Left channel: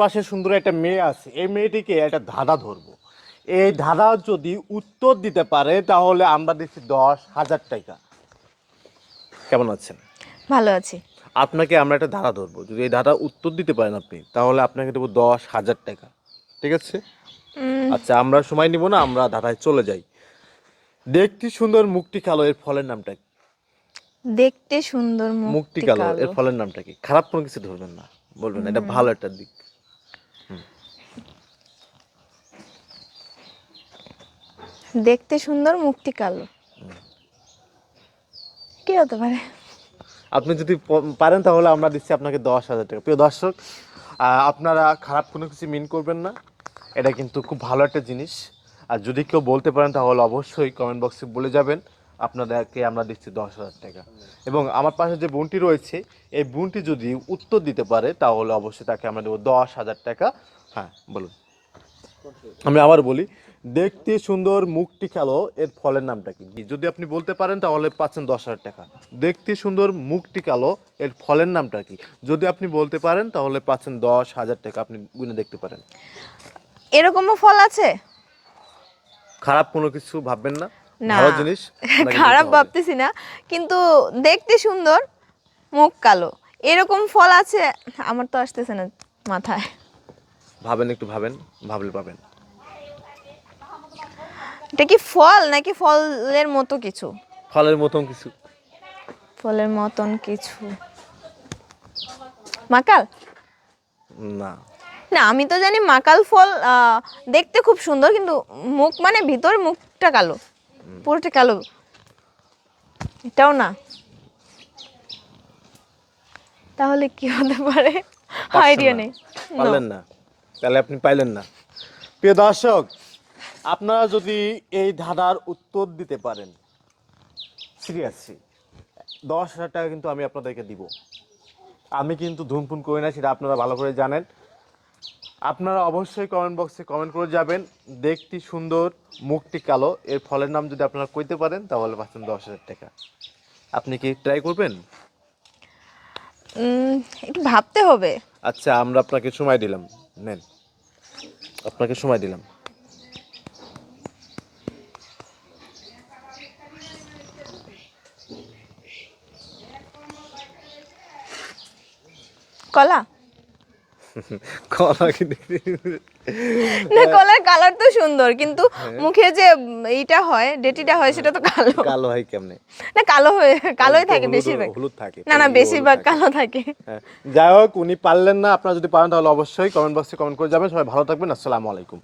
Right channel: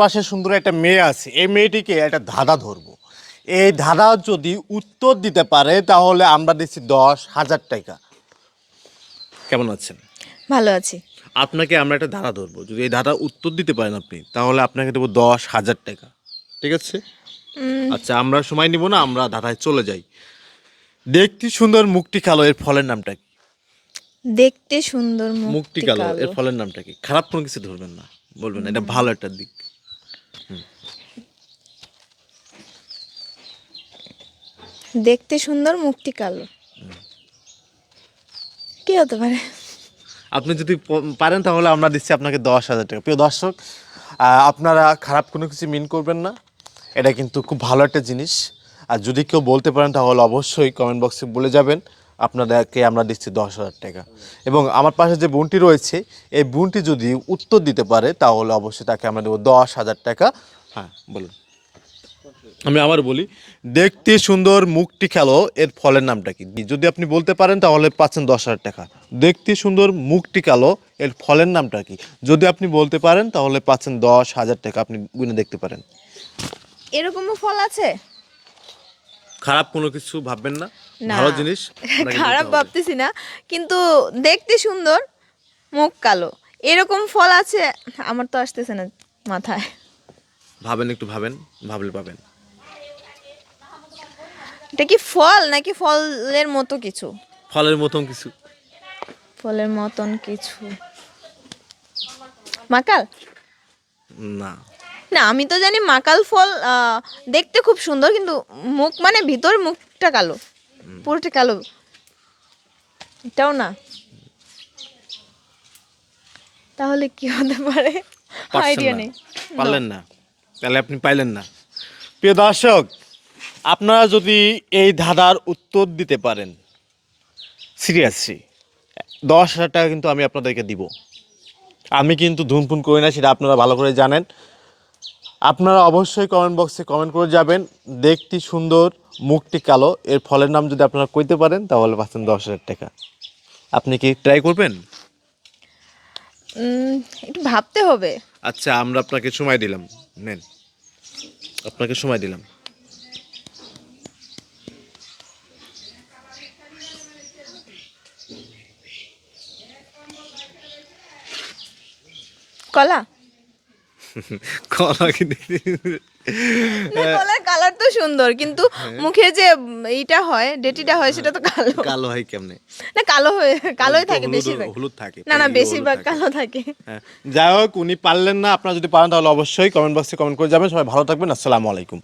পাশে সুন্দর একটা মেয়ে আছে, এই মেয়েটিকে একটা ধাঁধা ধরবো। এই ধাঁধা যদি উত্তর দিতে পারে তাহলে আমরা দিচ্ছি 10,000 টাকা। কেমন আছেন? ভালো আছি। আপনাকে আমরা একটা ধাঁধা ধরবো, যদি এই ধাঁধা উত্তর দিতে পারেন আপনি তাহলে আপনাকে দেবো 10,000 টাকা। ঠিক আছে? আচ্ছা, আমরা সময় নিব না, আমরা ধাঁধায় চলে যাই। দেখতে সুন্দর মুখটি কালো, এর ফলের নামটা কি? দেখতে সুন্দর মুখটি মুখটি কালো, কালো। এর ফলের নামটা কি? খারাপ কোনো কিছু ধরবেন না, বলবেন না, এটা ভালো একটা দিক। দেখতে সুন্দর মুখটি কালো, কি হতে পারে? আপনি যদি পারেন তাহলে আমরা দিচ্ছি আপনাকে 10,000 টাকা। প্রিয় দর্শক, আপনারা খারাপ কোনো কিছু মিন করবেন না, এটা কিন্তু খুব ভালো একটা জিনিস। আর যদি কেউ বলতে পারেন তাহলে অবশ্যই কমেন্ট বক্সে বলে যাবেন, আপনাদেরকে আমরা দিচ্ছি 10,000 টাকা। এবং আমার পাশে যে বোনটি রয়েছে, এই বোনটি যদি উত্তর দিতে পারে তাহলে অবশ্যই তাকে আমরা দেবো 10,000 টাকা। হ্যাঁ, বলুন। আমি আবার বলি, দেখতে সুন্দর মুখটি কালো, এর ফলের নামটা কি? যদি আপনি বলতে পারেন তাহলে পাচ্ছেন 10,000 টাকা। দেখতে সুন্দর মুখটি কালো, এর ফলের নামটা কি? যদি আপনি বলতে পারেন তাহলে পাচ্ছেন 10,000 টাকা। আপনি গুনে দেখতে পারেন। এরকমও ফল আছে? খারাপ কোনো কিছু ভাববেন না, না, ভালো জিনিস আপনাকে খারাপ বলতে হবে। ভাবতেছি না, কিন্তু দেখতে সুন্দর মুখ কালো, এরকম ফল আছে? আমার তো আসতেছে না মাথায়। ভাবেন, একটু ভাবেন, ভাবলে পাবেন। এটা কি ফল নাকি ফলের মতো কিছু? ফলের মতন কিছু। ফলের মতন কিছু, মাকাল? না। না, আমি তো জানি মাকাল ফল দেখতে খুব সুন্দর, কিন্তু মুখ মানে ভিতর মুখটা কালো, পুরোটা কালো, এটাও না। তাহলে কি হতে পারে? পারছেন আইডিয়া না, নেই। পারলেন না, তাহলে আপনি পাইলেন না। প্রিয় দর্শক, আপনারা যদি এই ধাঁধার উত্তর দিতে পারেন, সিরিয়াসলি 10,000 টাকা কিন্তু আমি আপনাদেরকে দিব। আমি কিন্তু ধুমফুন করি না, সেটা আপনারা ভালো করে জানেন। আপনারা অবশ্যই কমেন্ট বক্সে কমেন্ট করে যাবেন, দেখতে সুন্দর মুখটি কালো, এর ফলের নাম যদি আপনারা কইতে পারেন তাহলে পাচ্ছেন 10,000 টাকা। আপনি কি ট্রাই করবেন? একটু ভাবতে হবে। আচ্ছা, আমরা আপনাকে সময় দিলাম, নেন, আপনাকে সময় দিলাম। কলা? কলা কি? না, কলার কালার তো সুন্দর, কিন্তু মুখে যে এইটা হয়, ডেটিটা হয়, সেটা তো কালো। কালো হয় কেমনে? না, কালো হয়ে কালোই থাকে হলুদ, বেশিরভাগ। হলুদ থাকে। না না, বেশিরভাগ কালো থাকে। হ্যাঁ, যাই হোক, উনি পারলেন না। আপনারা যদি পারেন তাহলে অবশ্যই কমেন্ট বক্সে কমেন্ট করে যাবেন। সবাই ভালো থাকবেন। আসসালামু আলাইকুম।